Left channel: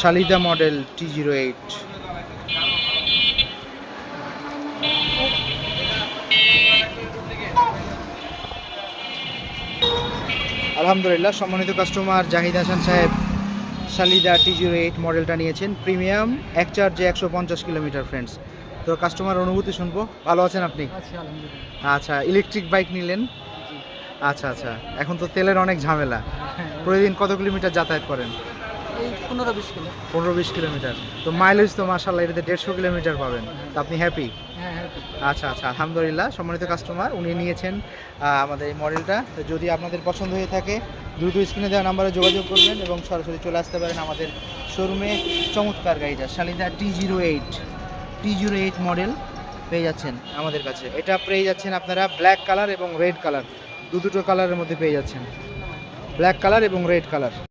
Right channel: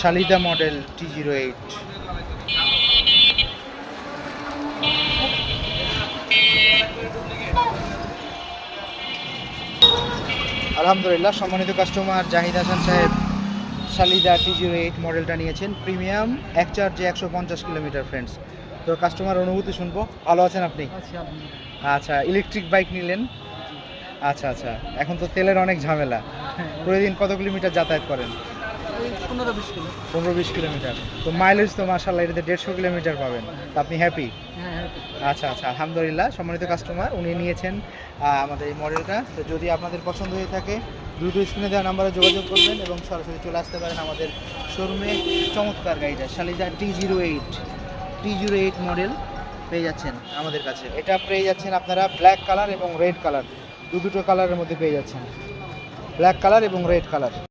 শালিদা model T08। আলহামদুলিল্লাহ, সম্মানিত customer Zahid Hasan সাহেব শালিদা T08 মডেলটা নিয়েছেন। প্রিমিয়াম, এক চার্জে 150 কিলোমিটার ফ্রেন্ডস। তো কাস্টমার অনুভূতি শুনবো। ভালো আছেন আপনি? আচ্ছা, ইলেকট্রিক বাইক নিলেন। আচ্ছা আচ্ছা, এখন তো তেলের অনেক ঝামেলা। প্রতিদিন কত কিলোমিটার যাতায়াত করেন? 15-20 কিলোমিটার। তো মাইলেজ তো মাশাআল্লাহ এটাতে 150 কিলোমিটার পাবেন। তো আপনি হ্যাপি? আচ্ছা আচ্ছা, আলহামদুলিল্লাহ। সম্মানিত কাস্টমার, উনি নিয়েছেন আমাদের এই মডেলটা। তো যদি আপনাদের পছন্দ হয়ে থাকে দ্রুত স্ক্রিনে দেওয়া নাম্বারে যোগাযোগ করবেন এবং সরাসরি চলে আসতে পারেন আমাদের শোরুমে। চমৎকার গাড়িটা শালিদা T08 মডেল পেয়ে যাচ্ছেন আমাদের কাছে। এটা পেয়ে যাচ্ছেন আপনারা ব্ল্যাক কালার এবং রেড কালার, দুটো কালারের মধ্যে পেয়ে যাচ্ছেন, ব্ল্যাক কালার এবং রেড কালার।